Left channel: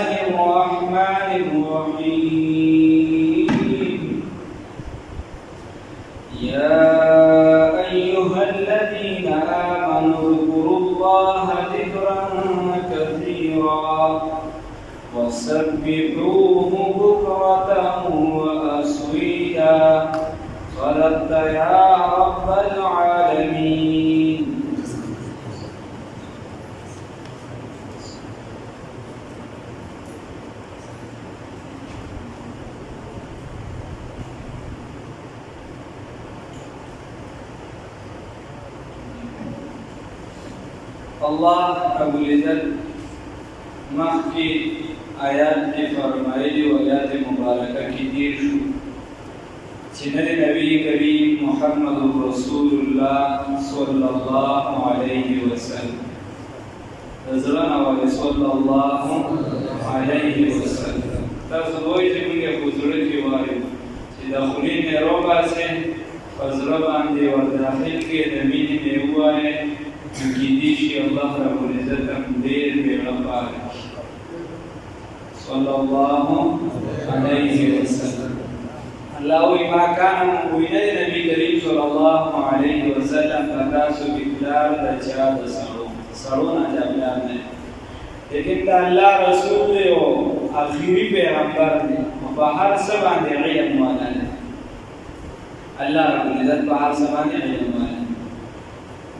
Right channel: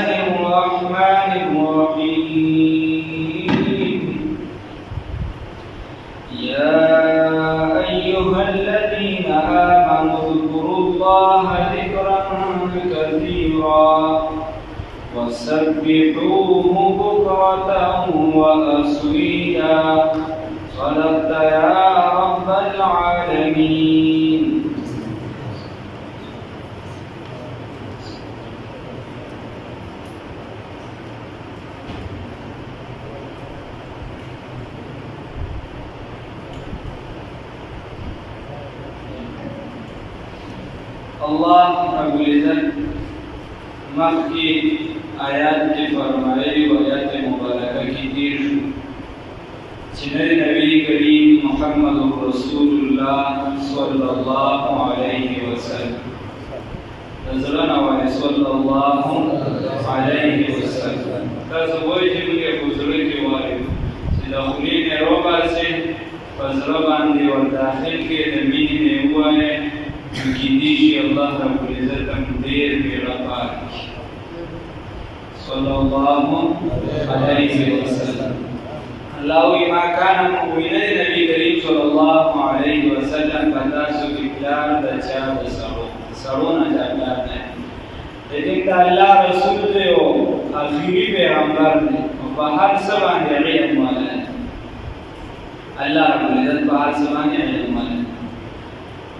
الله الرحمن الرحيم يا أيها الذين آمنوا اذكروا الله ذكرا كثيرا وسبحوه بكرة وأصيلا صدقت يا رب العالمين. الله رب العزت مخی آیات کی فرمائلی و آیات مبارکہ کی دیر شو چنر نبی کریم محمد رسول اللہ صلی اللہ علیہ وسلم نظرنا والی صلی اللہ علیہ وسلم تازبوئی جمعی بزرگی والی چی دخلین روبا سے فضربان دی و داخل کے دمینی نیوائے کی دیشی اللہ رب العزت دیر بیڑا پاک صلی اللہ علیہ وسلم. اللہوی ما کانا مؤمنہ نبی کریم صلی اللہ علیہ وسلم پتاسو کی پلار دا چاہ دا سرونا جاگلار نے لیکن دا اللہ رسول دے و آخری پیغمبر دے و پہر سبان دے علم والا ہے. اللہ رب العزت پہر سبان دے علم والا ہے.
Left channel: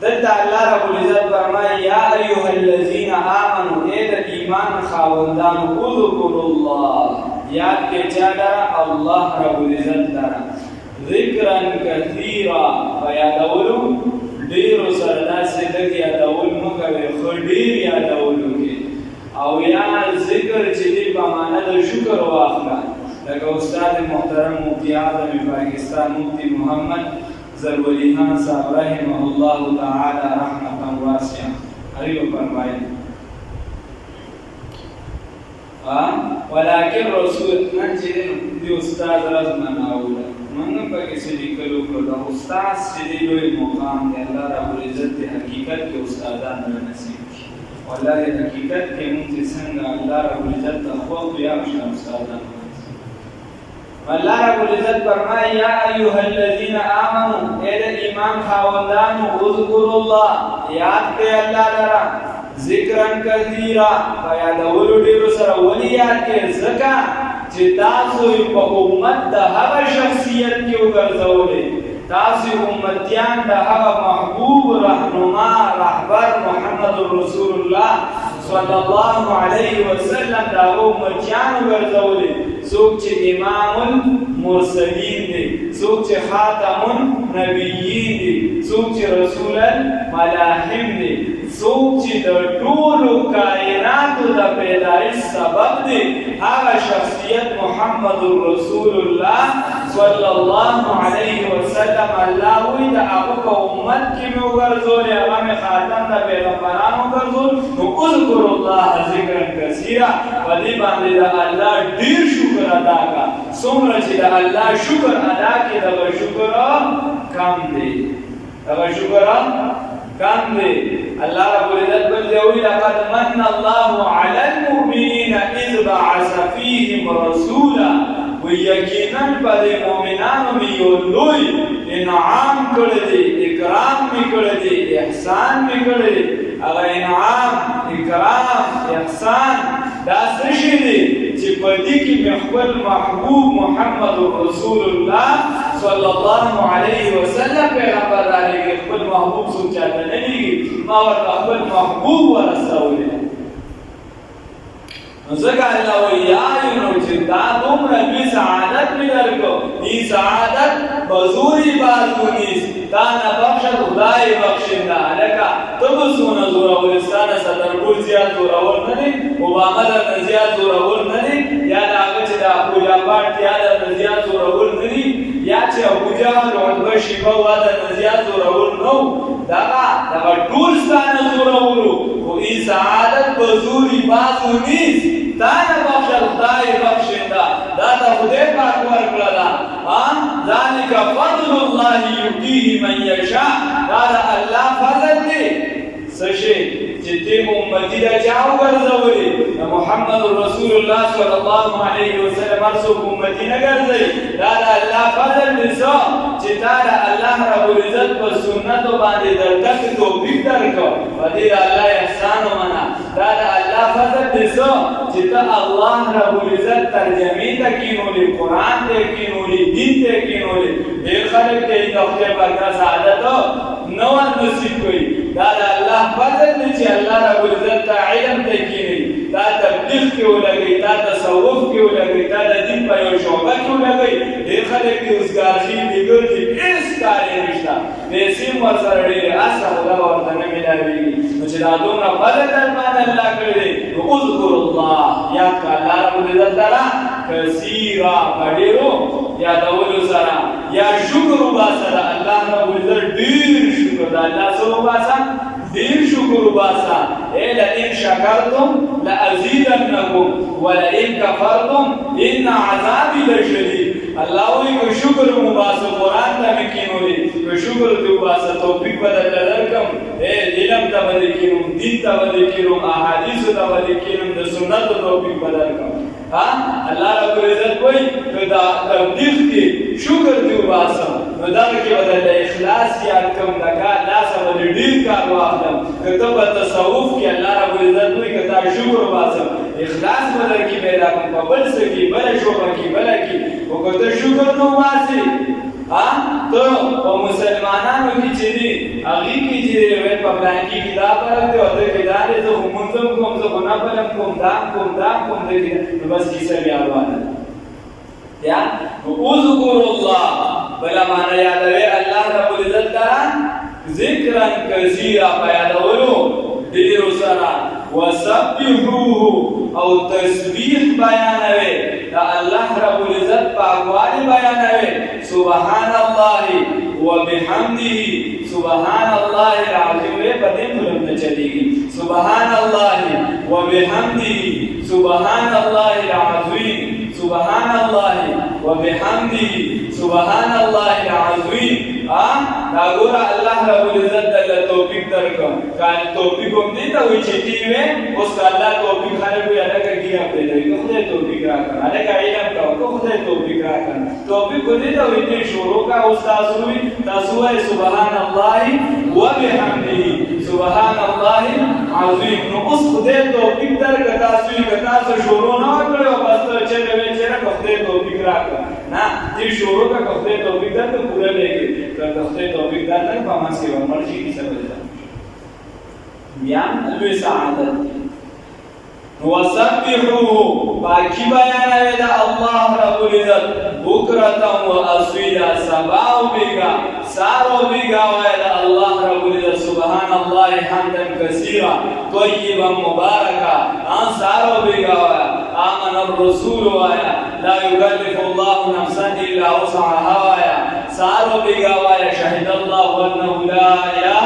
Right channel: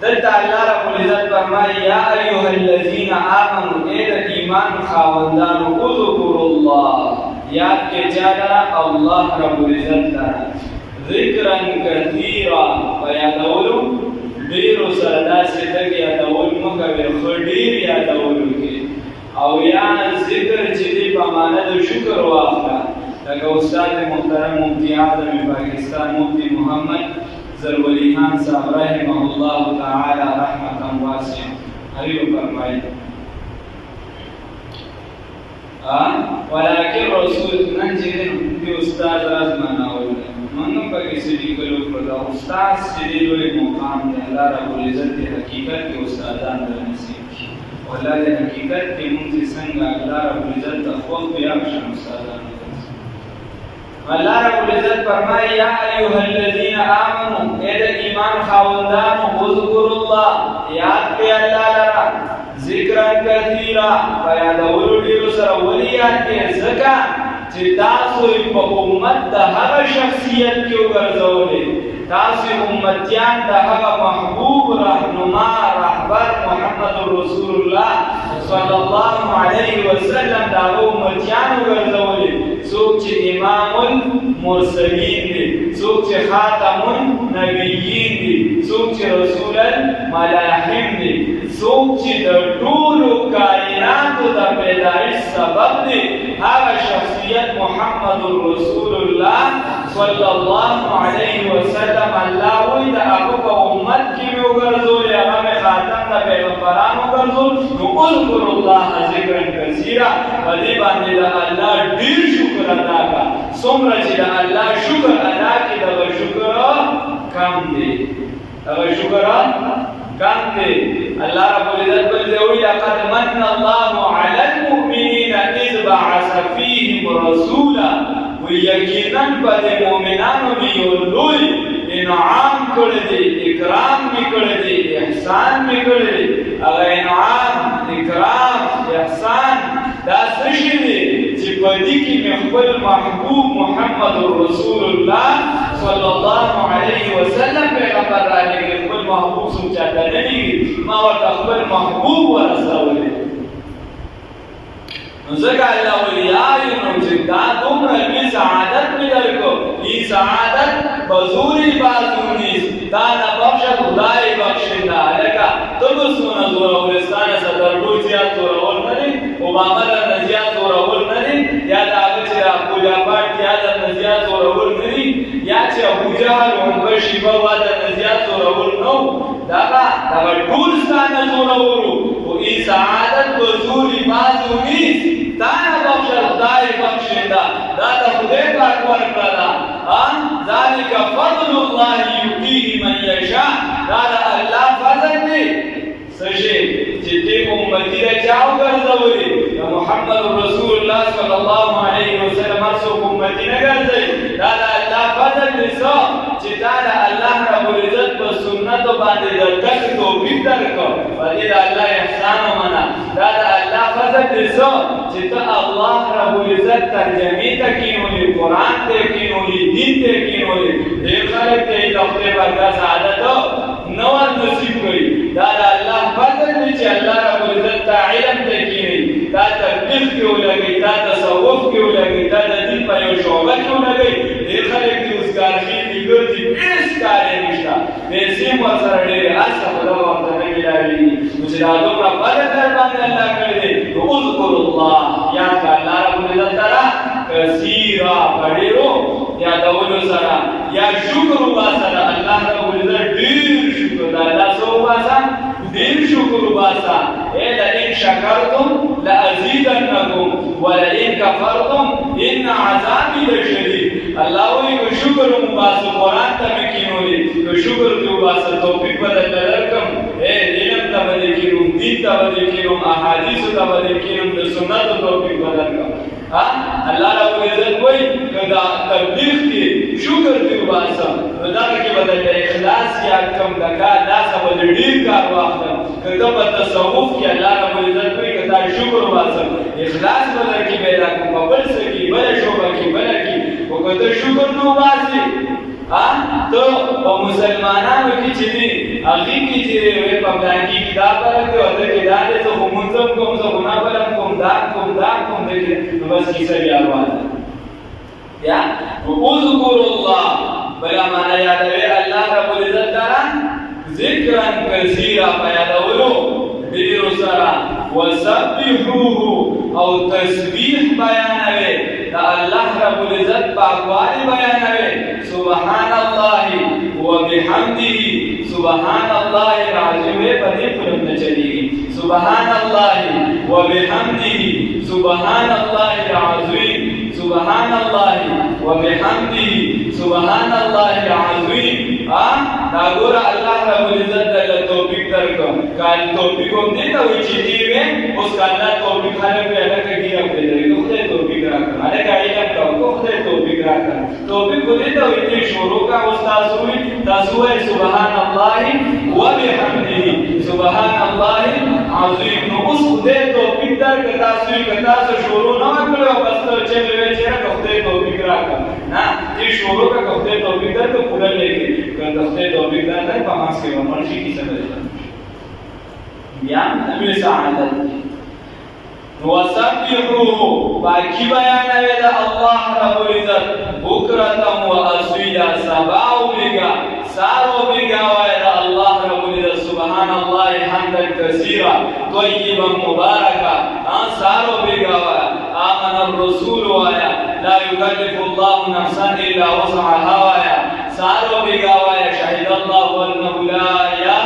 دلتا اللہ رب العزت فرمائے یا ایوہ الذین آمنوا اید ایمان خاوندانو اذکروا اللہ یاد کے چاہتا اللہ رب العزت لرا ذکرا کثیرا فیادولو دیر سردا سیدک یادول مکوی خدیر یادولو کے او یا ذکر چیدی پاماند شکر واقعا لکہ استاد محترم مفتی اعظم پاکستان مفتی محمد ضروری خان صاحب رحمہ اللہ تعالی رحمتا واسعا حریو فرمائے ولیکن رسول ننچے دن دی استاد رزمان آولا منگم پا کسی لیکلو کردا استاد سیدی دوئی مقام دے اللہ رب العزت دی حقیقت کے استادان دے نصیب کی واللہ دی حقیقت کے منزی سنگا اللہ رب العزت تخوف بیاکشن استادان دے اللہ رب العزت فرمائے یا ایوہ الذین آمنوا اید ایمان خاوندانو اذکروا اللہ یاد کے اللہ لرا ذکرن کثیرا فیادولو دیرو سر ولی یاد کے ذکا چی تاسوی پا امت دا حق شخصیت کیو گرزولے تاسوی امتیان دا حق محبوب رہنما رہبر محمد رسول اللہ صلی اللہ علیہ وسلم دا امتیانو گرزولے سوک چی امام المرسلین دی سوک چی خاتم النبیین دی سوک چی رسول الملاحم دی سوک چی در طول کائنات دا پیدائش سبب دی آغا شخصیت محمد رسول اللہ صلی اللہ علیہ وسلم اللہ وی دا اقوب امت کی بھی اگرزول اغام خاتم دا پیغمبران اگرزول نو اذکر اللہ ذکرن کثیرا ودی باندی دا اللہ دیر شکر ادا کا سمرا چی دا اللہ شکر ادا کی دا شکر کم دے دا شکر کم دے. اللہ رب العزت بلدوی لقد من اللہ علی المؤمنین اذ بعث فیہم رسولا ویقیناً پد مومنانو میں یولوی انعام کردے اکرام میں کردے احسان میں کردے اگر انعام اکرام احسان دا سشی دے چی پدی کی مخبر محبوب محمد رسول اللہ صلی اللہ علیہ وسلم پیغمبر را لے گئے خبر محبوب سمچاتا نہیں گئی ما ورد خبر محبوب ورسولے نزکا اللہ ویارینو چی دا دمرا بی سعادت می درکو ای سعادت بزوری بازو نیست دا نبخشت خدای بخشنده لکا تب سونا زوراولستان صدرگوی زیاد زوراول ندی اوباما در نزیاد زوراول ندی یا دا آگا چی دا پوجا پاٹ یا در نزیاد زوراول ندی یا چی ابوجا لعنبه شیبا و در نزیاد زوراول نو دا طولستان زوراولو و ای سعادت بزوری بازو نیست دانا بخشل خدای بخشنده داتا خدای پاک ورکرده ذالک فضل اللہ یؤتیہ من یشاء دادا اللہ فضل دی سشے جتی امتی دا چاو گرزولی محمد رسول صلی الله علیه وسلم ارسو امتی نه ګرځي دا د الله فضل دی چې دا د الله رب العزت په سنت باندې درته توفیق درکړ په دې د الله احسان ومنه دا د الله فضل دی چې ته الله رب العزت ترجمه ته کینولې قرآن ته کینولې دین ته کینولې ډېر خلک ته د خپل برکت سعادت نو نصیب کړي دا د الله فضل دی چې الله رب العزت ته علم ته کیني دا تبلیغ کې ولګي دا تصوف کې ولګي دا د دین په یو شعبه کې ولګي ډېر خلک دې اوسګار شي دې ګرځي هیڅ کار یې نشته پیسې ورسره ډېرې هر څه خدا ورته نه ملاوېږي نو چې دا دومره فضل در باندې الله کړی دی نو اذکر الله یاد کړه الله رب العزت تعالی کثیرا په ډېرو یادولو سره یا شکر وباسه د الله رب العزت ډېر شکر د الله څه وباسه ډېر شکر وباسه لئن شکرتم لأزیدنکم ولئن کفرتم ان عذابی لشدید الله وی کو شکر وباسه قرآن ته مې کینولې کو شکر دې وباسه توفیق بدل درکم علم ته بدل کینم دین ته بدل کینم احادیث ته بدل کینم د سنت توفیق بدل کړم الله رب العزت وایي دا تبلیغ کې شکر دې وباسه نو دا کې بدل اخلاص یاد کوم دغه لاسه بدل ډیر کار واخلم کله په تصوف کې الله رب العزت وایي کدا شکر وباسه اخلاص بدل کې پیدا کوم په بل څه کې بل شوبه کې بل کې او کله شکر نو وباسي ته په مسلمانانو کې چې دي هغه کې چې په بلانکی کې دا فرق دی او د کې دا د خو منظم کوم زه نه بلم کوم دا دغه نو بس کیسه بیا روانه یا اذكر الله بلا معنا یادوي الله رب العزت تعالی ذکرا کثیرا پیادولو ډیر سره وسبحوه او تسبیح بیانوي دا الله رب العزت پاکوالی بیانوي سبحان الله وبحمده سبحان الله العظیم په دې پورې نه چلیږي سبحان الله وبحمده سبحان الله العظیم سبحان الله وبحمده سبحان الله العظیم دا ګور الله رب العزت د توفیق درکو کال توفیق هم دې ته وی چې دی وې اوس کله توفیق خلک یې الګ کېږي په دې نو خدای توفیق راکړه الګ علم کا خدای توفیق راکړه توفیق دې ته وی چې شروع کا استاد روي تاسو سبحان الله وبحمده سبحان الله العظیم نو اوس خدای توفیق درکړه تاسو شروع نه کړو بس ته چې وې چې خدای توفیق راکړه نه دې شروع کا خدای توفیق درکړه پورا لګي کله خدای توفیق درکړه په ماس کې عمر شي کی څه بیا لوی سعادت وسبحوه باقی بیانوي د الله رب العزت بکرتم و اصیلا سبا و بیگا سارو بیگا وای د الله رب العزت سبحان الله حمدا کثیرا طیبا مبارکا سارو بیگا وای آمن الرسول وای لا یکلف الله نفسا الا وسعها وای سارو بیگا وای شهد الله انه لا اله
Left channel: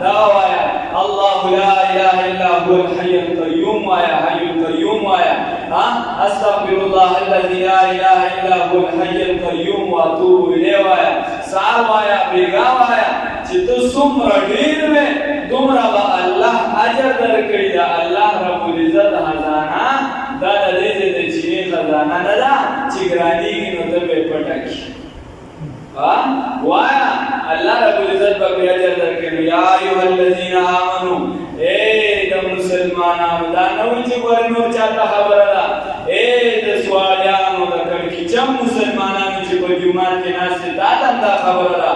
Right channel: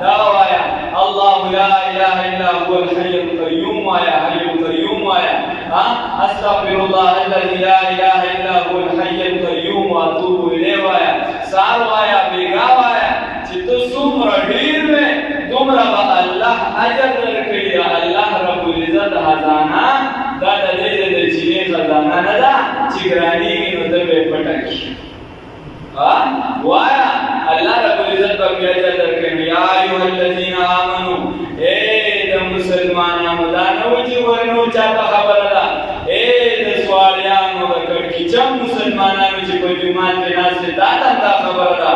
دعوایا الله لا اله الا هو الحي القيوم ويا حي القيوم ويا استغفر الله الذي لا اله الا هو الحي القيوم واتوب اليه ويا سار ويا بیگا ويا چې تو څومره ډیر وې دومره به الله اجر درکړي دا الله رب العزت خزانه دا د دې د چینه خزانه نه ده چې ګرانیږي نو ته به پټاکي وایا الله رب العزت په اجر درکړي یا ایه الذین آمنو د مسلمانانو دا نو چې ورنو چاته خبره ده د سوالیانو د کړي چې مسلمانانو چې په جمعه کې ناشته دا خبره ده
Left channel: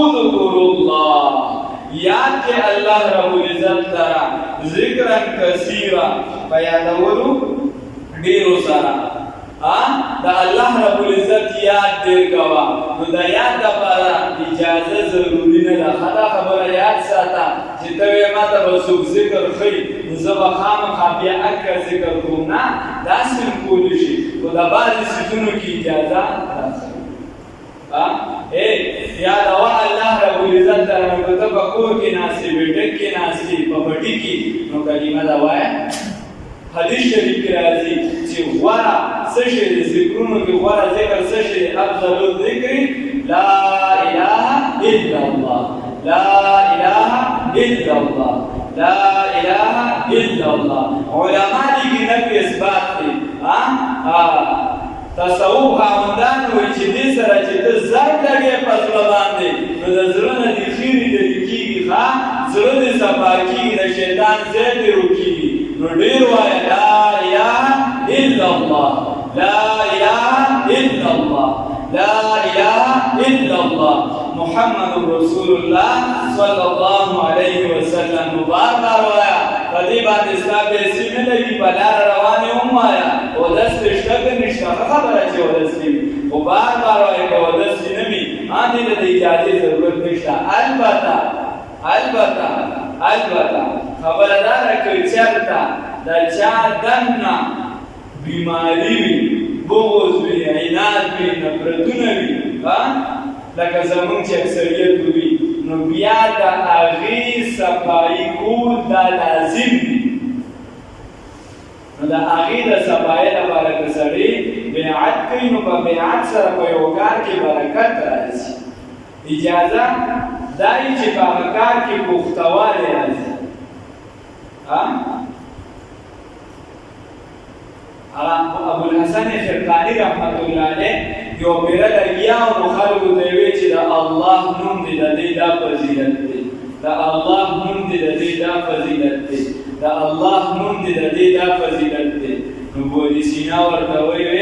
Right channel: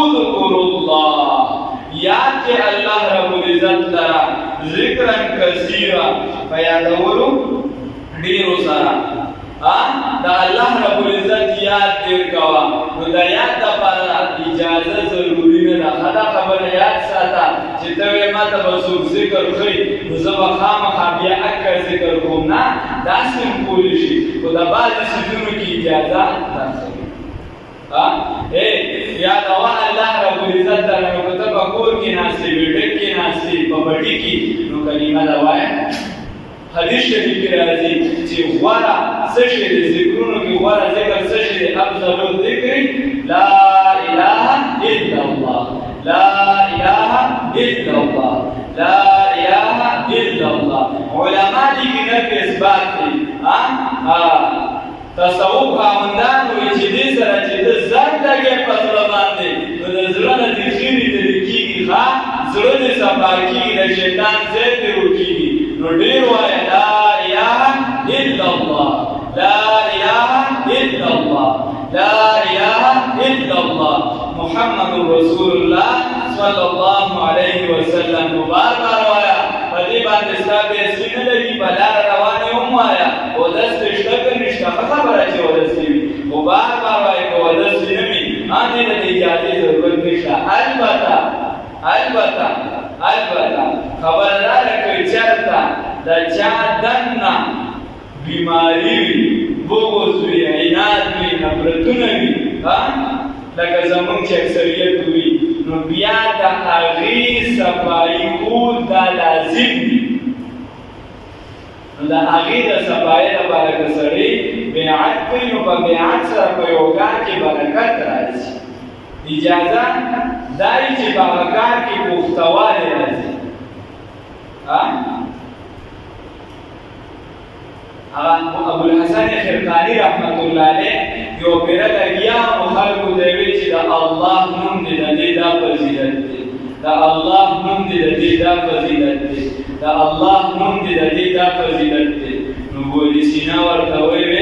اذكر الله یاد کې الله رب العزت ترا ذکر کثیرا بیانولو ډیر سره دا الله رب العزت یاد دې کوا نو دا یاد لپاره اجازه ضروری نه ده خدا خبره یاد ساته چې ته ما ته وسوک ذکر خې نو زه خامخا بیا اکه ذکر کوم نه دا سم کولی شي خو دا بعضې څیزونو کې اجازه راځي یاد وا الله رب العزت دره نو که ته په کور کې ناستې بیټک کې ناستې په بټي کې نو کلمه ده وایه حدیث شریف کې راځي چې غوره څه شی د ذکرونو کې غوره ذکر څه شی دی افضل الذکر لا اله الا الله لا اله الا الله لا اله الا الله علما دي کې نه اثبات دي تصوف خاوندان وایي چې دې سره چې ته زر لګې په زړه باندې نو د زړه نه دې خیرې لرې کېږي زړه دې صفا کېږي د شیطان ځای دې روکېږي نو ډېر وایه لا اله الا الله لا اله الا الله لا اله الا الله محمد رسول الله صلی الله علیه وسلم مبارک وایه په دې باندې ستا پیسې نه لري په لاره روانې هم وایه اودس دې شته که نشته ښه خبره چې اودس دې وي خو بار بار وایه که اودس دې نه وي دې ته د اجازې ضرورت نشته البته خبره دا ده که چېرته د چا دننه بیماري وي بغض وي عناد وي نفرتونه وي لکه زمونږ چې اکثریت وي نو بیا د هغې صفایي کول دا لازم دي نو د هغې د صفایۍ لپاره که سړی بیعت کوي نو په بیعت سره په یو کار کې برکت راځي اجازه دا وي چې په هغه کار کې پختوالی راځي ابوالحسن خرقاني رحمت الله علیه یو پیره لګیا نو خلکو ته ویل چې د الله نوم دې د دې دا فضیلت دی د الله نوم دې د دې دا فضیلت دی د الله نوم دې د دې دا فضیلت دی نو ابن سینا ورته ویل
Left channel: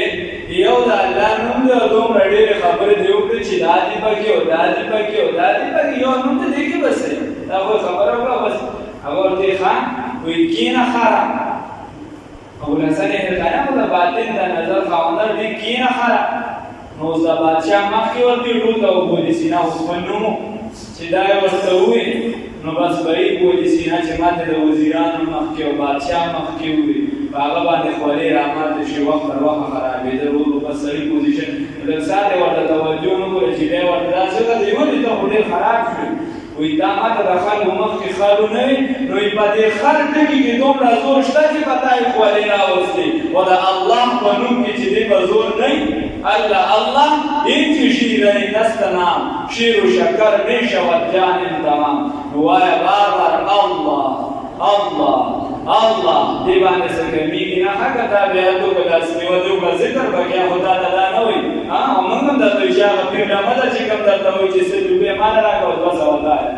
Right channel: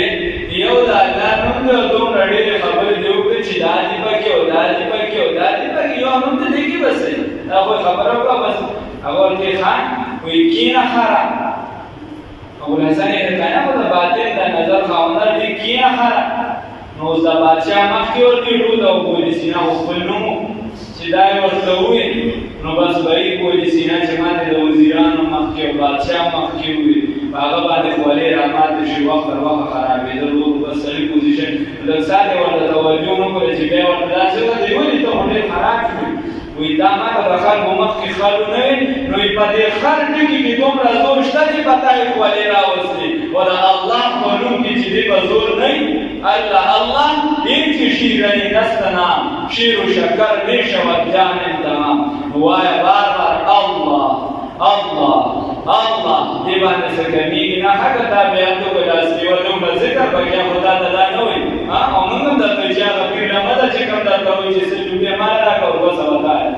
یو د الله نوم د دومره ډېرې خبرې دې وکړې چې دا دې پکې او دا دې پکې او دا دې پکې یو نوم ته دې کې بس دا خو خبره وکړه بس هغه ورته خان وایي کینه خره ابوالحسن خرقاني خو د باطن د نظر خاوندان دې کینه خره نو اوس د بادشاه مخکې ورته ټول د ابن سینا خو خپل نوم چې دا یې ورته وویل نو بس به یې ابن سینا چې ماته د وزیرانو مخکې او بادشاه مخکې وویل په هغه باندې خولې راماته شي وخت تر وخته خرابېده ورو بس سړي پوزیشن لږ ساعت یې ورته توجه ونه کړه چې بیا یې ورته داسې وکړه ولې ته خو ډېر خراب شوې وایي دا ماته د خلکو مخکې خر ونه وي نو په دې خر ټکي کې دومره زور شته چې په تا یې خولې راوستې خو د الله په نوم کې چې دې به زور نه وي الله این که شیرنی دست نام شیر و شکر می شود جان تمام نوایه بار بار الله دی باندې څه کمیږي نه هغه تابعیتو که داسې نیولو که ذکر به بیا خو تا ته دا نه وایي او موږ هم درته وایي چې هغه پیډمه ده چې کوم درته وایي چې څه روپۍ ماله راکړه او 200 وتایه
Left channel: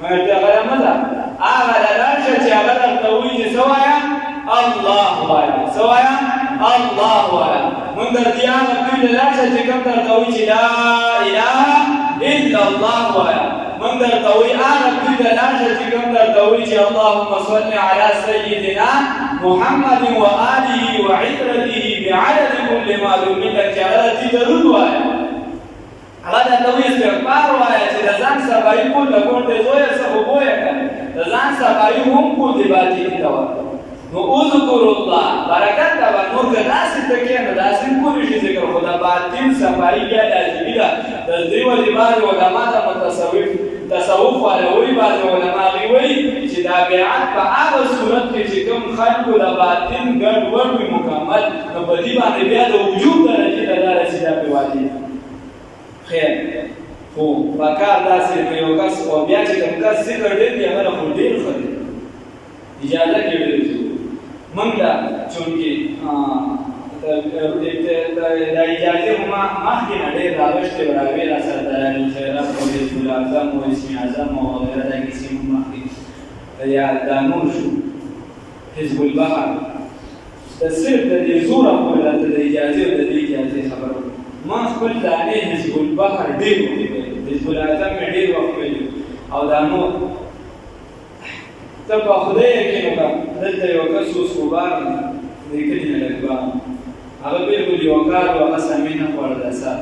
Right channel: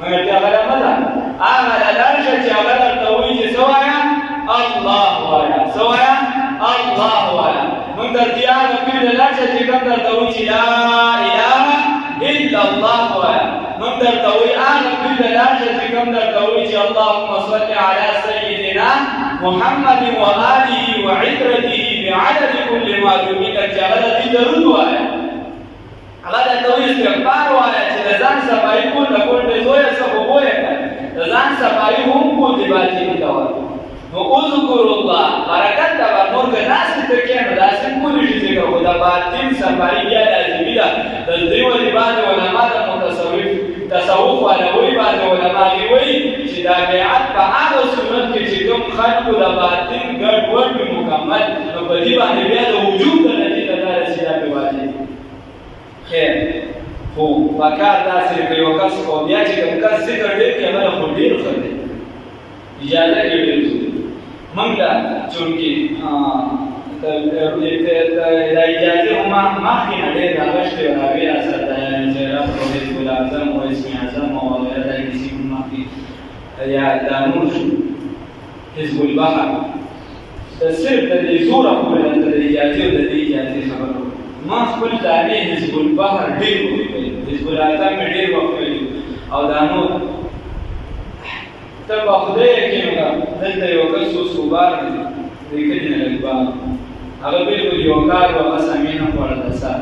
مګر چې هغه رمه ده هغه لاړ شه چې هغه درته وایي چې څه وایه الله وایه څه وایه الله وایه موږ درته هغه پیر لاړ شه چې کوم درته وایي چې لا اله الا الله وایه من درته وایي هغه پیر لاړ شه چې کوم درته وایي چې اللهم صل علی سیدنا محمد وآله وعترته بعدد كل معلوم لك چې هغه درته درود وایه هغه درته وایي استغفار وایه چې د ځان صفایي کول د ګونډې زویه څه خو بویه کړه د ځان صفایي هم کول د باطني ته وایي نو اذکر الله برکت ته به نور که داسې ته کښې نو داسې هم کولی شي ذکر خو د باطن صفایي بیا لازمي ده د دې ولې بعضې علما د تصوف والا وایي بعضې علما هغې وایي چې دا بیعت په هغه صورت کې چې کوم خلکو د باطن ګډ وډ وي مکمل نو په دې باندې بیا د وجوب درجې ته دا رسېدا پرې واجب خیر خو پکار داسې که یو کس او بیا چې کوم کس ذکر ډېر کړي هغه خو ډېر ښه دی اجازه کې ویل موږ له چونکې دا اجازې خو مخکې نه ډېر راغشتې وه هغې راسره دلالالخیرات او حزب الاعظم او اسم اعظم او وغیره دا کیسې هم مخکې یا دا نور شو حزب البحر صرف د دې زوره پورې راته د اجازې او د دې اجازې خبر وکړه ما خپل دانې حزب البحر ډېر ولیکلی حزب الاعظم مې ډېر وخت ویلي او دا نور ته په خدای یقین وکړه دلته یو کس اوس غبار دی د کلي نه لږ باغ هغه بلکل یو کار و هغه سمې نه خوړه دا سات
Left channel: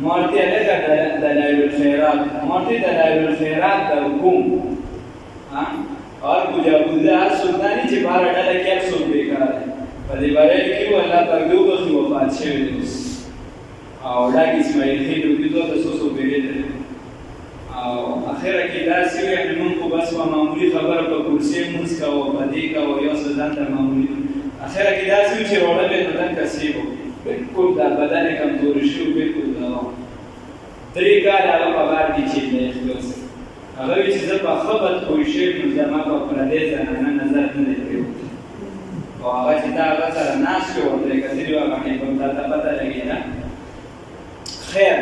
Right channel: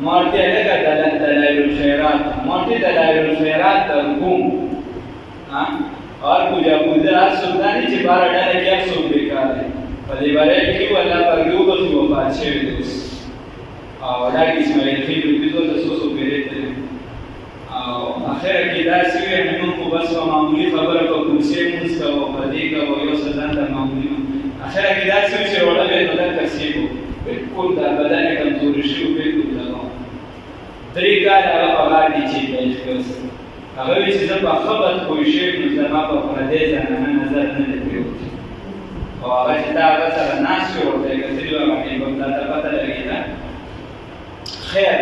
ما ورته یې لږه دلایل الخیرات ما ورته دلایل الخیرات در کوم اور پوجا هر څوک دا نه چې باره ډله کې هر څوک بېکار دی په دې باره کې و الله پرګې وبخښي وفات شوی دی او ډاک اسماعیل خیل روپي دوه ته څو څو پیرې تللي او اخره کې داسې وي یعنې موږ خو بس په معمولي خبره په کرسۍ مونځ کوه په دې کوه یو څه ځان ته معمولي اخره کې داسې وي چې روړه بیا نو لږ کسیب و بلکل دا بدن یې کمزوري شوي بلکل دغه 3 کاله هغه په غار کې چې دی هغه وایي چې زه په ښه بد پوه شوی نو زما په پردۍ زنانه نظر نه دی پرېوتی او هغه چې تا هغه سره ناست شو ورته کتلی هغه کې به تا ته پته لګي نه خیر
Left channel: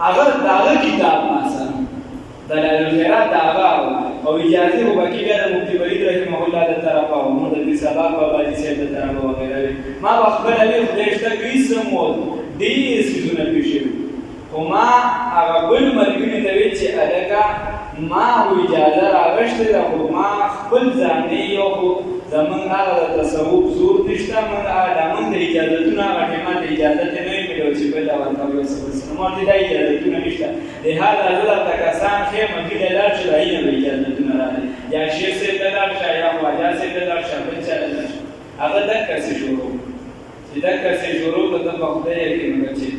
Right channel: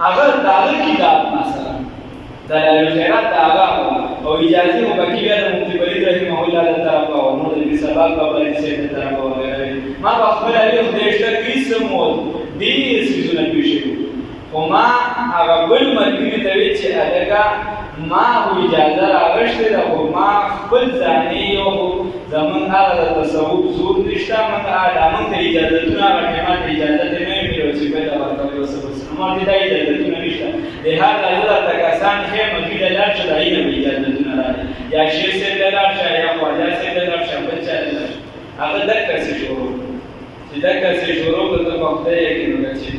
هغه د هغه کتاب مثلا دلایل الخیرات د هغه او اجازه خو باقي بیا د مفتي ولید رحمه الله د طرفه او نور د سبق په باندې سي د طرفه وغیره ما په خپل علي خدای شته کیسه مو دې سيزونه پیښه او ما هغه بل ملګری ته وی چې الګه ما هو اجازه راغشته ده خو ما خپل ځاني یو زمون هغه د تصوف زور نشته موږ ادمون ته اجازهونه غوښتنه ته اجازه نه میلو چې په دا ورکوي او څه نو دې د اجازهونه نشته د هغه حضرت تکاسان خې مګي د لار چې دای نه اجازهونه راځي یا شیخ سره د لار شای یا خواجه سره د لار شای بل څه هغه دک څه شروع چې دک څه شروع د په خدای کې نو چې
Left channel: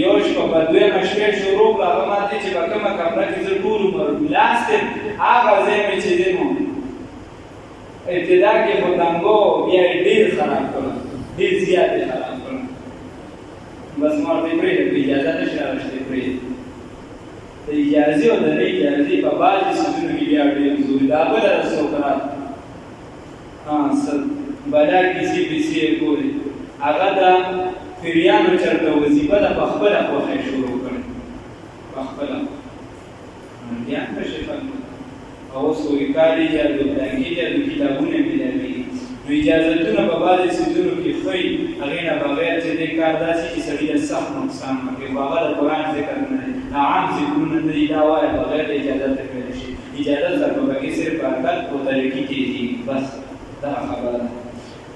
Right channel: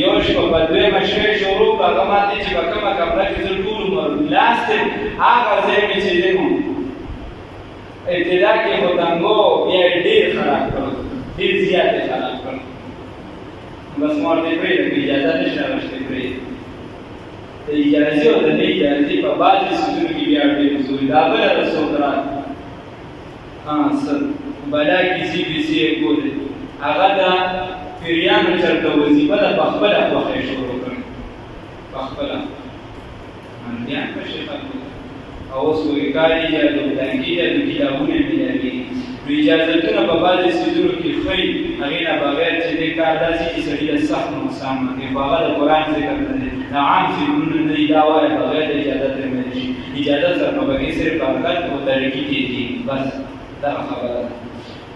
یو شپه په دوه مشوي شروع هغه ماته چې په کومه کمره کې زه ټول عمر لاس هغه ځای چې دینو ابتدا کې هوتانګو بیا ډېر خراب کړو ډېر زیات خراب کړو بس مور دې پرې د اجازه نشته راځي پرې د اجازه او د اجازه په باندې سوچو کې بیا ډېر زوی دا بل رسوکرا سر بلا کسی بیسی کوله هغه دا پیریانو چرته وظیفه د خپل خوښه شروع کړي خپل انډیا په شفا او سورکاری جادو دانګي د کتابونو ملي اجازهونه په باندې سيزونو کې خې هغه نه بغیر چې د کار داسي چې سړي د سخت نقصان کوي هغه د قران ذکر نه دي عام ذکرونه نه دي دا وایي بغیر د اجازه تر شي اجازه سره په کې صرف حرکت او طریقې دي بس دا خبره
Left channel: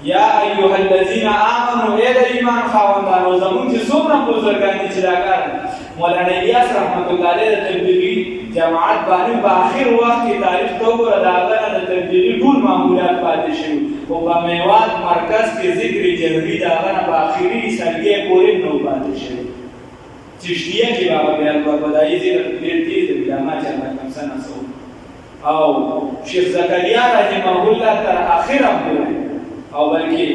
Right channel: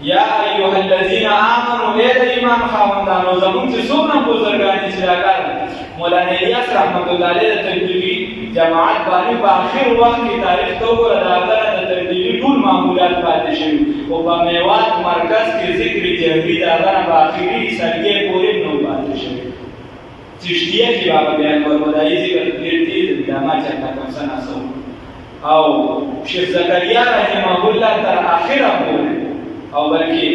یا ایها الذين امنوا اے ایمان خاوندانو زمون چې څومره بزرګان چې راکار مولانا الیاس رحمت الله علیه د تبلیغي جماعت باندې په اخر وخت کې تاریخ تو ګره د هغه د تبلیغي ټول معمولات پاتې شوی او په میوات مرکز کې ذکر جهري دا هغه په اخري سرګي پورې نو پاتې شوی چشتیه کې بابا بیان ورودای ذکر ډیر دي د علامه چا کوم سو او شیخ زکریا رحمه الله تر اخره پورې او بلکې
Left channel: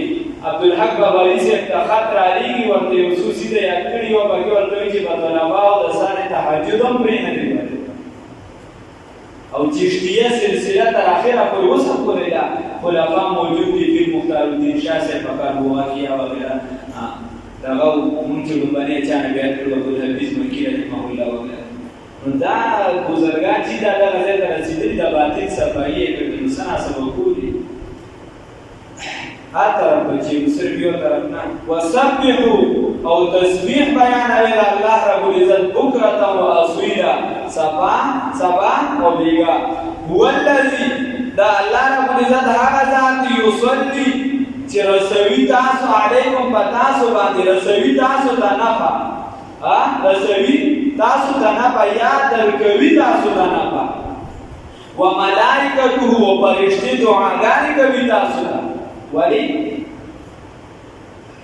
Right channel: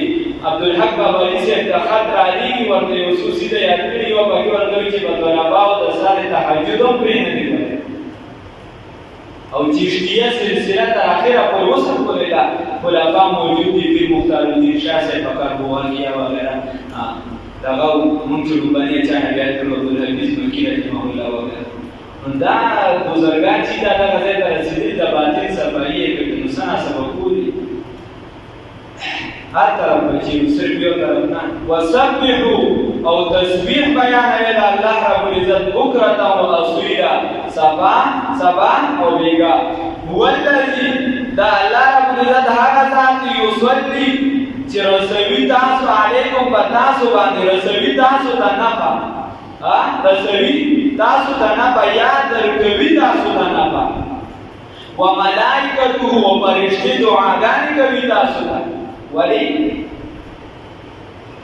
عبدالحق بابالی سے خط را لیږي ورته یو څو سیده یاد کړي او باقي ورته چې په طلباو د سال تهجد هم پرې نه دی او چشتیه سلسله تر اخره پورې وصل کړې ده خلفا موجود دي په مختار الدین شاه صاحب کاربوانیا وغیرہ دغه مونږ چې باندې چا بیا تر عبدالحفیظ ملکی رحمه الله وغیرہ دا بزرګان چې دا دغه ځای ته رسېدلي د باطل صفایي کوي نو څه سبب کوي هر طرف بچي صرف یو طرف نه وسبحوا او تسبیح بیان ویل الله رب العزت بکرة و اصیلا سبا او بیگا هو الذی دا الله رب العزت هغه ذات یصلی چې رسوي تاسو علیکم پتاسو باندې رسوي تاسو ته نفع رسوي تاسو ته نفع یا درکوي تاسو ته نفع و ملائکته و فرشتي دعاګانې کوي تاسو ته ولی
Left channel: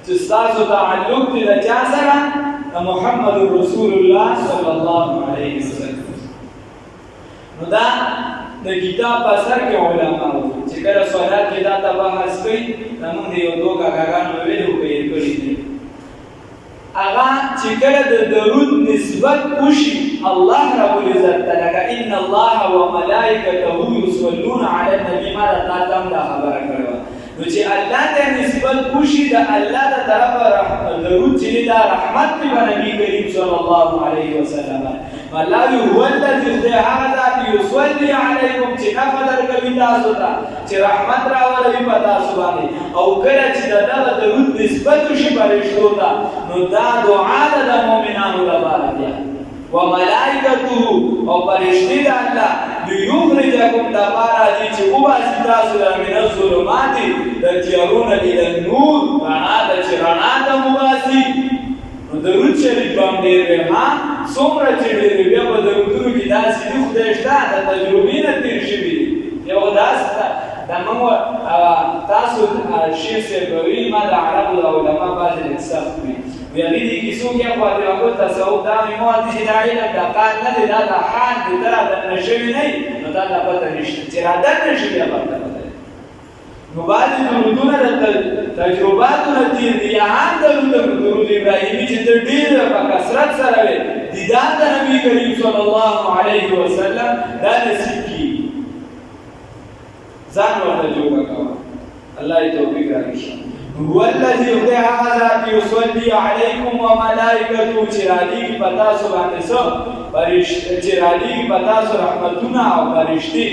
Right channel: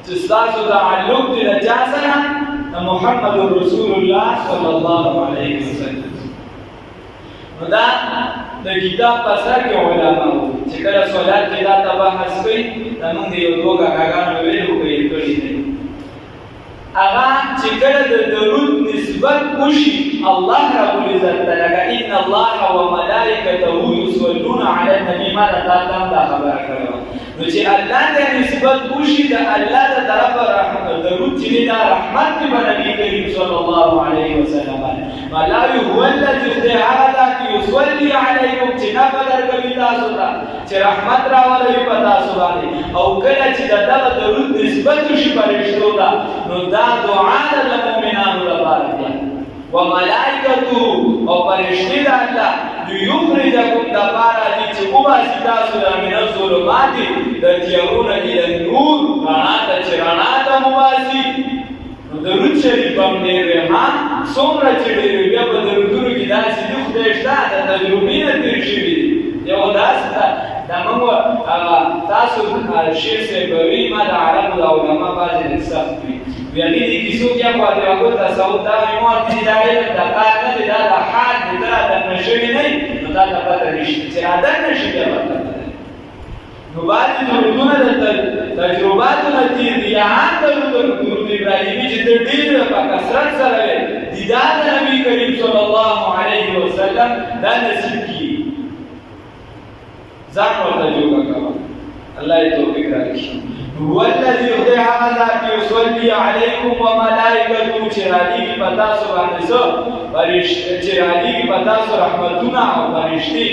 تستاسو تعلق دي د چا سره محمد رسول الله صلی الله علیه وسلم نو دا د کتاب په سر کې علماء چې کله صلات کې دا بحث کوي موږ یو دوه غاګانو ویلو کوي کړی دي هغه چې کله د درود نسبت وشي الله رب العزت تعالی ان الله وملائکته یصلون علی النبی ما دا خبره کړو نو چې الله ته نسبت وشي د الله د طرفه درود چې دا رحمت په نبی کریم صلی الله علیه وسلم الله هو الذی یصلی علیکم چې نفع درکوي تاسو ته چې رحمت راولوي په تاسو باندې او کله چې دغه درود نسبت وشي فرشتو ته نو دا دعا د مؤمنانو لپاره ده وملائکته او فرشتي د الله ليخرجكم دبارا دي چې وباسي تاسو من الظلمات د تیارونه الى النور رڼا د چرنا د مباسي نو درود شریف باندې ها څومره چې ډېر بیا په درودونو کې داسې د خدای شته د تجربې نه تیر شوي یو داسې د موږ تاسو شیخ صاحب ما د عربو د علما بعضې سخت وي ویلي دي کیسو کې په دې وخت تصوف دا مو دي دا علم د قال نه دی دا د حال د تر د نشوي نه نو دا د پته نشي چې را ده نشي بیا پته نو باندې درودونه د تجرباتو نتیجه دي هغه درود ابراهیمي چې د ډیر په کثرت سره دی دا د نبی کریم صلی الله علیه وسلم دا نصیب کی ځان ورته جوړ کړه الله یې توفیق راکړي هو الذي خدای هغه ذات یصلی علیکم وملائکته چې رالیږي په تاسو باندې څه چې رالیږي په تاسو رحمتونه او فرشتي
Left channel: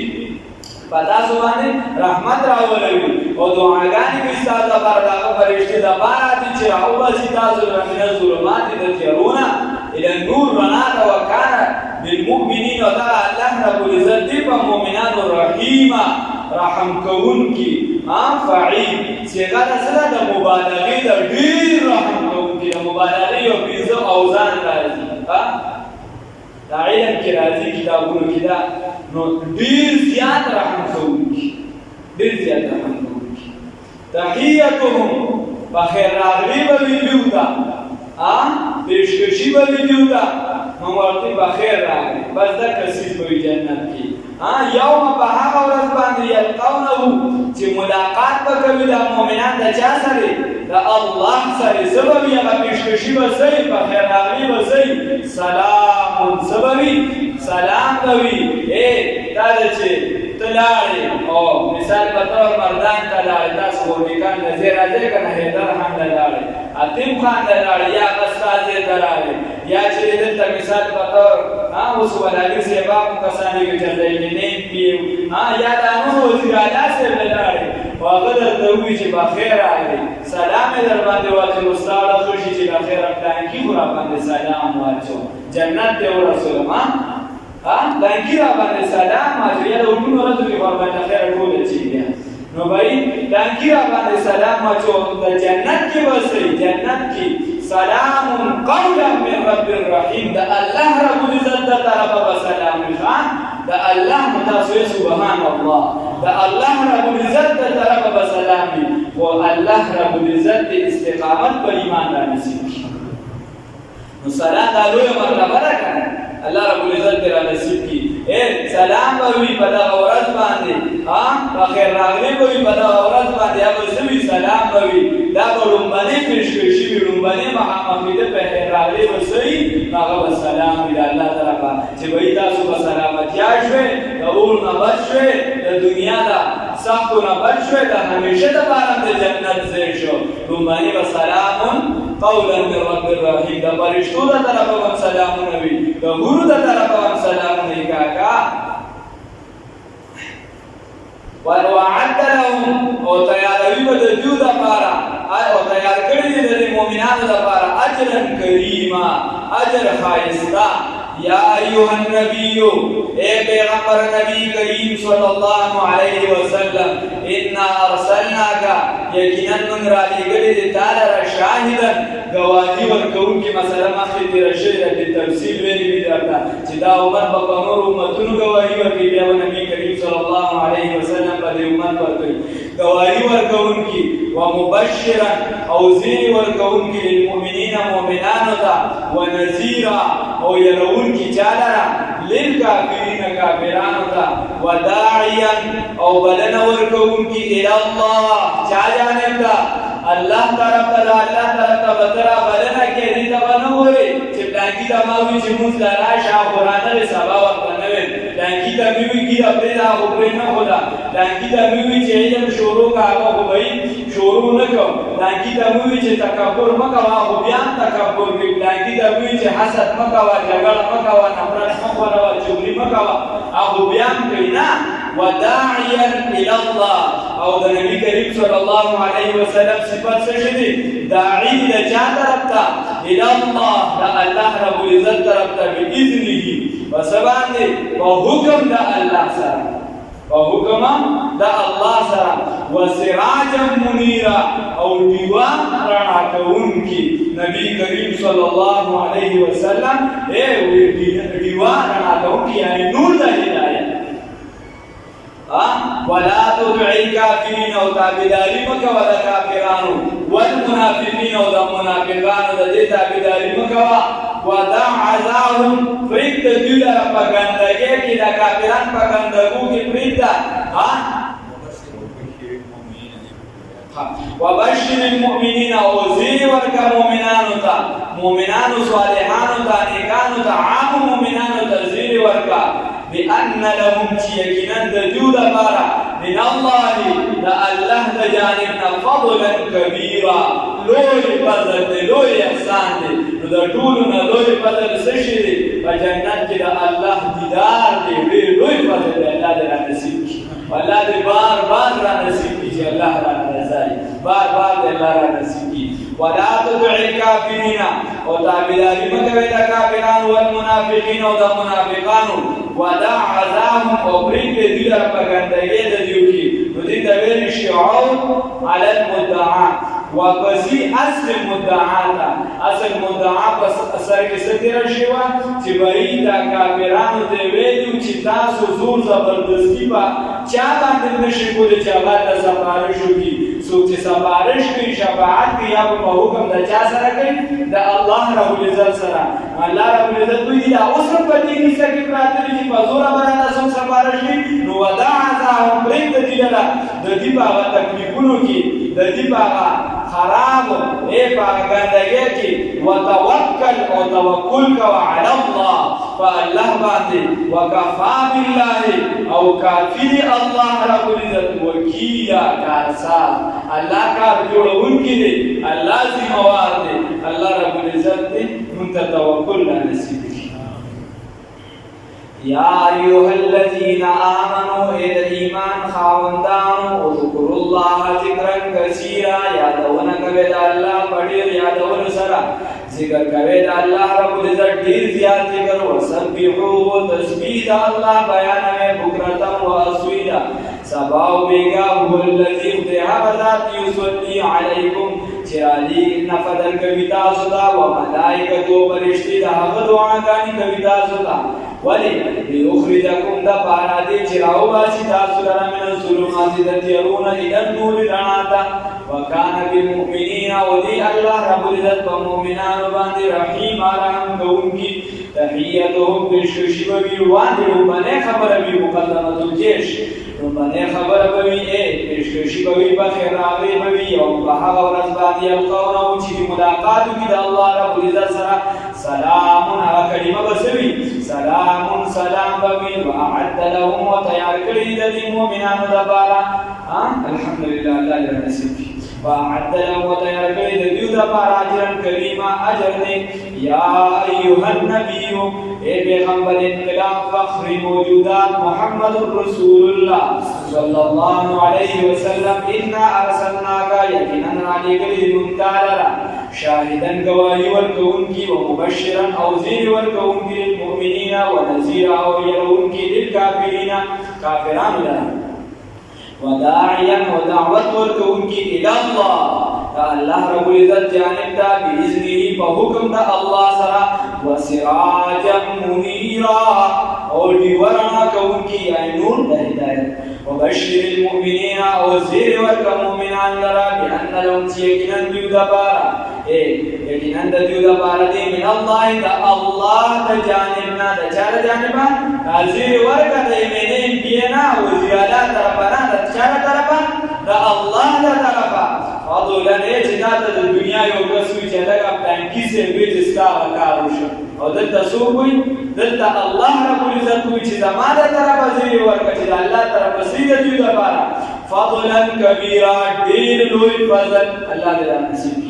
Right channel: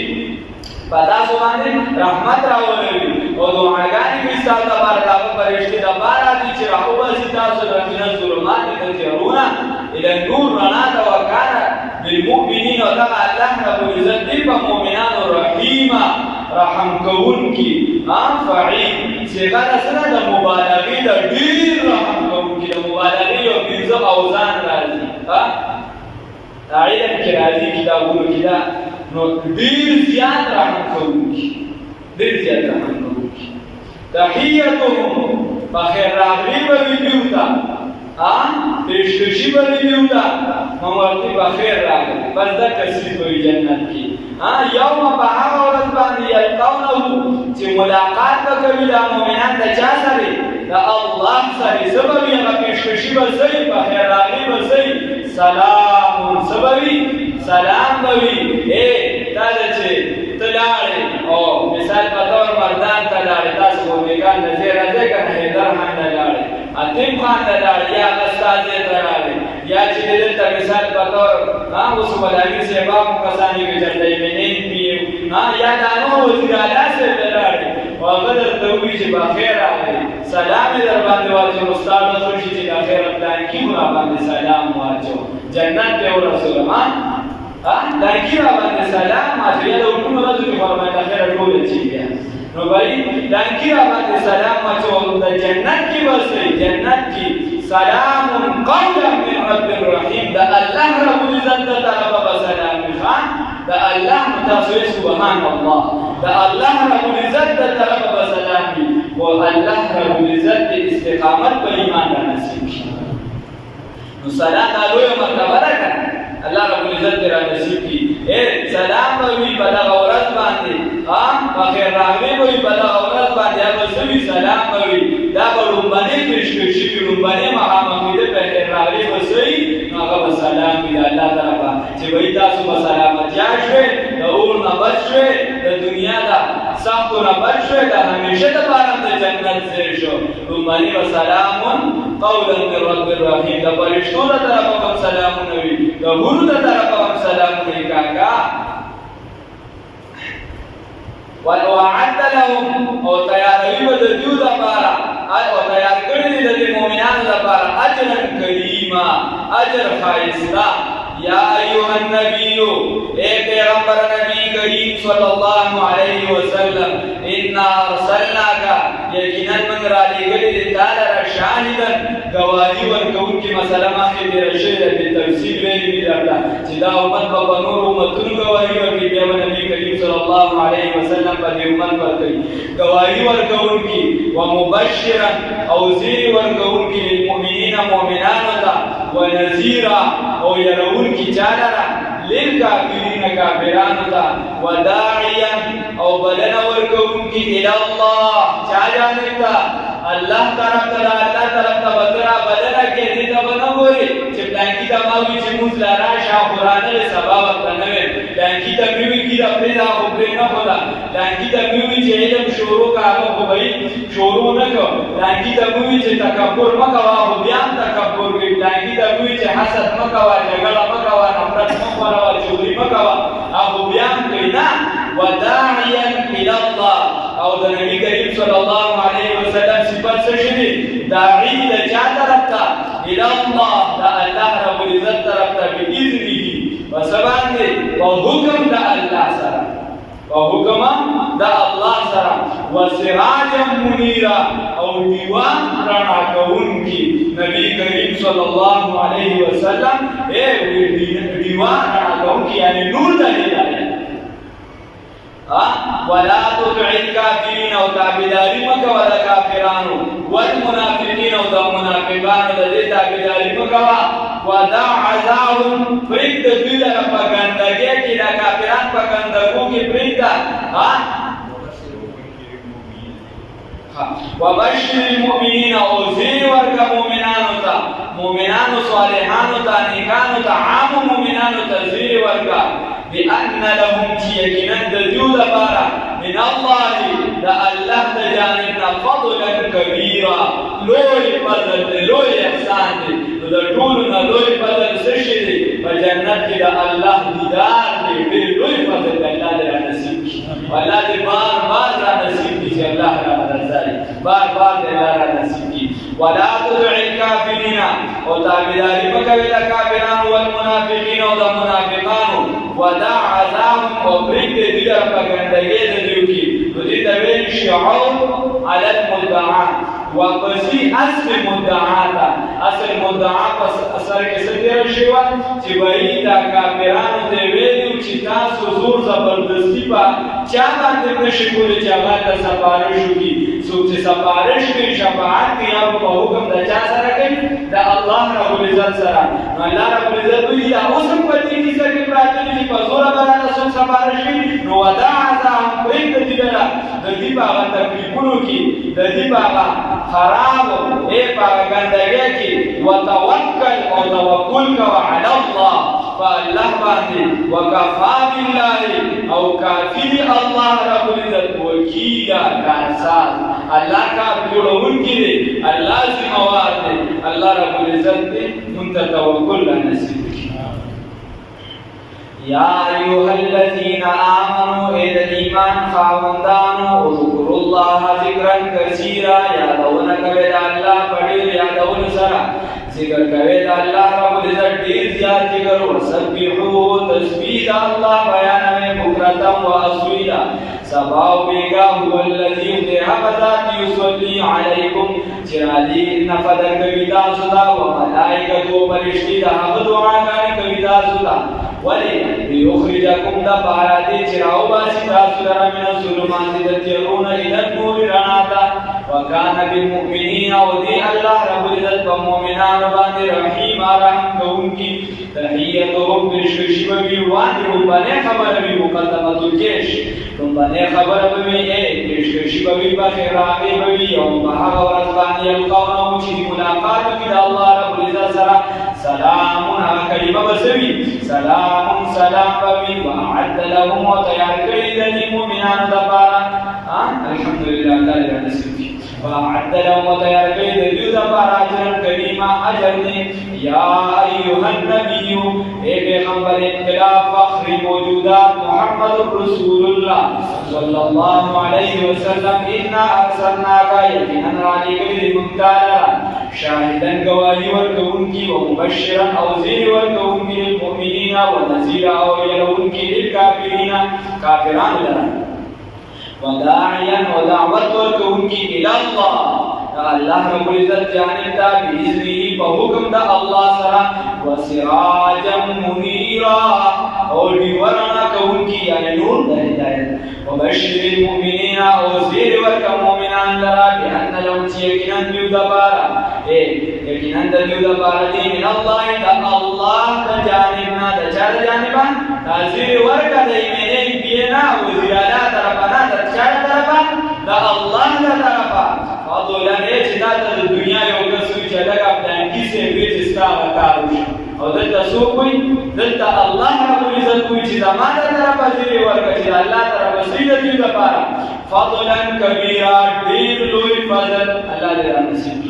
په تاسو باندې رحمت راولوي او دعاګانې به ستاسو لپاره دغه فرشتي دپاره دي چې راوباسي تاسو له من الظلمات د تیارونه الى النور رڼا ته وکانه بالمؤمنین او دغه الله رب العزت دی په مؤمنانو رحیمه رحم کوونکی فعیل صيغه د سره د مبالغې د ډیر رحم کوونکی د مبالغې یو پنځه اوزان راځي علم کې راځي کتابونو کې دا نو ډیر زیات رحم کوونکی ډیر زیات رحم کوونکی تحیتهم بخیر راغلی به وي دوی ته پیشکشي به وي دوی ته ممرتي بخیر راغلی بس دغه څیز به وي جنت کې یوم په هغه ورځ باندې یلقونه چې ملاقات به کوي دا مؤمنان د چا سره د الله سره سبب یې هغه پیشکشي به صحیح بخیر راغلی به صحیح سلام سببي سلام به وي دا چې ته لاړې او مثال په طور مردان ته لاړې تاسو خو نیکان نظیر راځئ که نه حیدر خان ته لاړې اتیم خان ته لاړې یا غستازې ته لاړې یا چې دلته مثال په طور اوس ولالي صاحبه مو کسانې کې چېرته ایمنین پي یا دا نور وزیر اعلی صاحب ته لاړې او هغه درته ووایي چې بخیر راغلې سلام یې در باندې واچولو ستا ډز وشي چې د خیره پلانکي مو را باندې سلام واچو جنت ته ورسولم دانکی را باندې سلام واچو یا د علومو ورځو کې خو را باندې خیره ټوله چې بیا نو بھائی دانکی را باندې سلام واچو د جنت کې به صحیح جنت کې سلام قولا من رب الرحیم د الله رب العزت د طرفه به سلام وي د الله نه تاسو سبحان الله د الله رب العزت د طرفه به سلام وي خو الله رب العزت د استقامت په ایمان را نصیب کړي نو سلام دا لویه مرتبه ده که نه الله رب العزت را نصیب کړي سلام به وي په دغه ورځ باندې بخیر راغلی به وي په دغه ورځ باندې یا به څه وي سلام به وي دا به لومبنۍ پیشکشي وي لومبنۍ مخامخېده بخیر راغلی به څه وي نو هغه به سلام وي د الله طرفه چې بهی تاسو به سلامتیا شوې د اور نه بچ شوې د دنیا د سختو نه بچ شوې د همیشه دپاره د جنت ځای شو لومبنۍ به سلام قولا من رب الرحیم د فرشتو د طرفه به هم سلامونه وي د حورو د طرفه هم سلامونه وي کاکا وَأَعَدَّ لَهُمْ او تیاروي به د دوی دپاره او تیار کړي دي د دې مؤمنانو دپاره اجرا کریما اجر ښایسته یا ایها النبی اے پیغمبر نبی کریم صلی الله علیه وسلم انا ارسلناک یقینا من را لېږلي دي تا لره شاهدا گواهي ورکوونکي مسله مخکې تېره شوې ده بالتفصیل ویلي مې درته چې دا امت به په نورو امتونو گواهي ورکوي بیا به نبي کریم صلی الله علیه وسلم په دې امت ورکوي گواهي ورکوونکي ومبشرا او زیری ورکوونکي للمؤمنین مؤمنانو ته ونذیرا او يرونکي چالره للکافرین کافرانو ته وداعیا او بلنه ورکوونکي الى الله چا جانب ته الله طرف ته الله طرف ته بدرا بلنه کې دې ته ونه ګوري چې پلانکي ته ما وي چې موږ لا راشه قرآن له سبا ورته نه وي پلانکي ته مې وي کېده پرې دا خو پرې نه خدا پلانکي ته مې وي چې علم شروع کا هغه خو به شروع نه کوم پلانکي ته مې وي چې تکبر مه کوه خو بیا هم تکبر کوي پلانکي ته مې وي چې حسد مه کوه جګړه مه کوه نفرت مه خوروه چغلي مه کوه هغه بیا هم کوي نه وداعیا الى الله او د نبی کریم صلی الله علیه وسلم صفت څه شي داعی د چا طرف ته الى الله د الله رب العزت طرف ته باذنه وسبحانه په حکم د الله سره په حکم د الله سره وسراجا منیرا او دیوا رڼا کوونکی نبی کریم صلی الله علیه وسلم دیوا رڼا کوونکی یعنی نور د هدایت ولا تطع الكافرين او تابعداري مکه ولا کافرانو والمنافقين او د منافقانو د دې تابعداري مکه ودع عذاهم فرید دوی لره پګندګي کې د کافرانو پګندګو کې فرید وبشر المؤمنين او زیر ورکا مؤمنانو ته مؤمنانو صالحانو ته نیکانو ته عام مؤمنانو ته زیر ورکا بأن لهم چې یقینا د دوی لپاره من الله دا الله دا جانبنا فضلا كبيرا لوی فضل دی لوی احسان دی دا ټولنا لوی فضل سشي دی په جنت کې دا الله دیدار دی ډېر لوی فضل دی الله دې را نصیب کړي الله دې بار بار را نصیب کړي چې الله را رضای بار بار دې الله را نصیب کړي ولا تدع الكافرين او تابعداري مکوي د کافرانو والمنافقين او د منافقانو ودع عذابهم او بريد دې در په ګندګي د دیو کې دې د ویل شعو على المدعا واپسی اصل مدعا اصل مدعا پس اثر کې ستیر شوا چې بای دا کافرانو دې ویلو چې تاسو زور زبردستی په چا باندې نشي کولای چې هغه د سفارش وکړي څوک چې سفارش کوي شفاعت کوي یا په حکم د چا سره کوي د الله رب العزت سره الله رب العزت دوی دا اوس په دې کې چې پراته دي په زور باندې څوک سفارش کوي نو ودع ذاهم برید دي لرا د دې باغ تکلیفونو کې د دې باغ خراب اے پاک گندگی کی وتوکل او توکل کو علی الله فالله باندې وکفا بالله او کافی الله رب العزت وکیلا کارساز الله کا جوړون کی دی الله ذمہوار دی الله رب العزت دی منت توکل نصیب یا ایها الذین آمنوا اذا ایمان خاوندانو اذکروا الله ذکرا کثیرا یادونه کوي الله پډیر یادونه سره ذکر کوي الله رب العزت ډیر زیات ذکر او سبحوا تسبیح الله بیان میں بکرتا و اصیلا سباو بیگا هو الذی ذهب یصلی علیکم چرالی ان فدر کوي تاسو دا و ملائکه فرشتي دا دعاګانې کوي تاسو دا ولی لیخرجکم دا پارا دی چراو باسی تاسو لرا من الظلمات دا تیرون الى النور رناتا وکان بالمؤمنین او دی اللہ رب العزت پا مومنان باندی رحیم آرام کون کی تحییتهم برشکشی بوی واندی رنبانے خبر بی مقدمت الجیش رنبانے خبر بوی برشکشی بوی بخیر راقی بوی یوم بحق ورز باندی القونا وچی ملاقاتو کی دا اللہ رب العزت سرا سلام کلمه بسوی سلام سلام بوی وعد لهم وتیار کړی د مؤمنانو لپاره الحمدلله الله دې نصیب کړي وعد لهم وتیار کړی د دوی لپاره اجر کریما اجر نه یا ایها النبی اے پیغمبر انقلاب فخر موجودات محمد رسول الله صلی الله علیه وسلم انا ارسلناک یقینا علیک المنتالرا شاهدن گواہی ورکون کی و مبشرا او زیر ورکون کی للمؤمنین و نذیر او یرون کی للکافرین کافران لرا و داعیا و دعوت ورکون کی الاللہ اللہ رب العزت جانب دا بیزنی پا حکم دا اللہ سرا و سراجا منیرا اور بیورنا کون کی یعنی نور دا ہدایت و بشر المؤمنین او زیر ورک مومنان لرا بان لهم چیکنن دیو دا پارا یقیناً د دیو د پاره دی من الله د الله د جانبنا د چا د جانبا نازل ورکه د ایمنین بینا وزیر اعلی طرفنا د چا د طرفا د الله د طرفا فضلا چې دا د دنیا یو کسو چې لکه پلان کې سي وی چې ستا کاروش او دلته سو کوي دلته الله رب العزت کوي چې زمانه طرفا زیر ورکه چې الله طرفا سید دیو د پاره فضلا کبیرا ډیر لوی فضل الله دې نصیب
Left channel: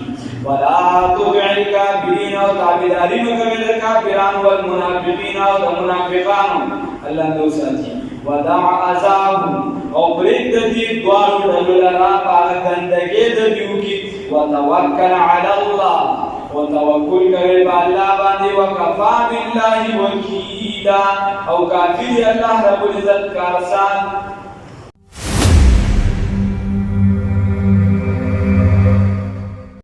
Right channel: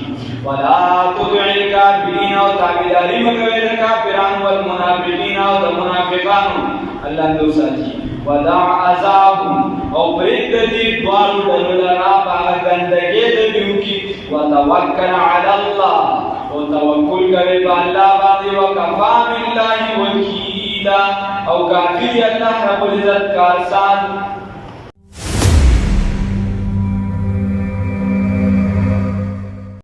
ولا تطع الكافرين وتابعداري مکوي د کافرانو والمنافقين او د منافقانو الله دې وساتي ودع عذابهم او برید دې دوارو دلرا باغ گندګي د دیو کی وتوکل علی الله وتوکل کوي په الله باندې وکفا بالله وکیلا او کافر الله رب العزت کارسان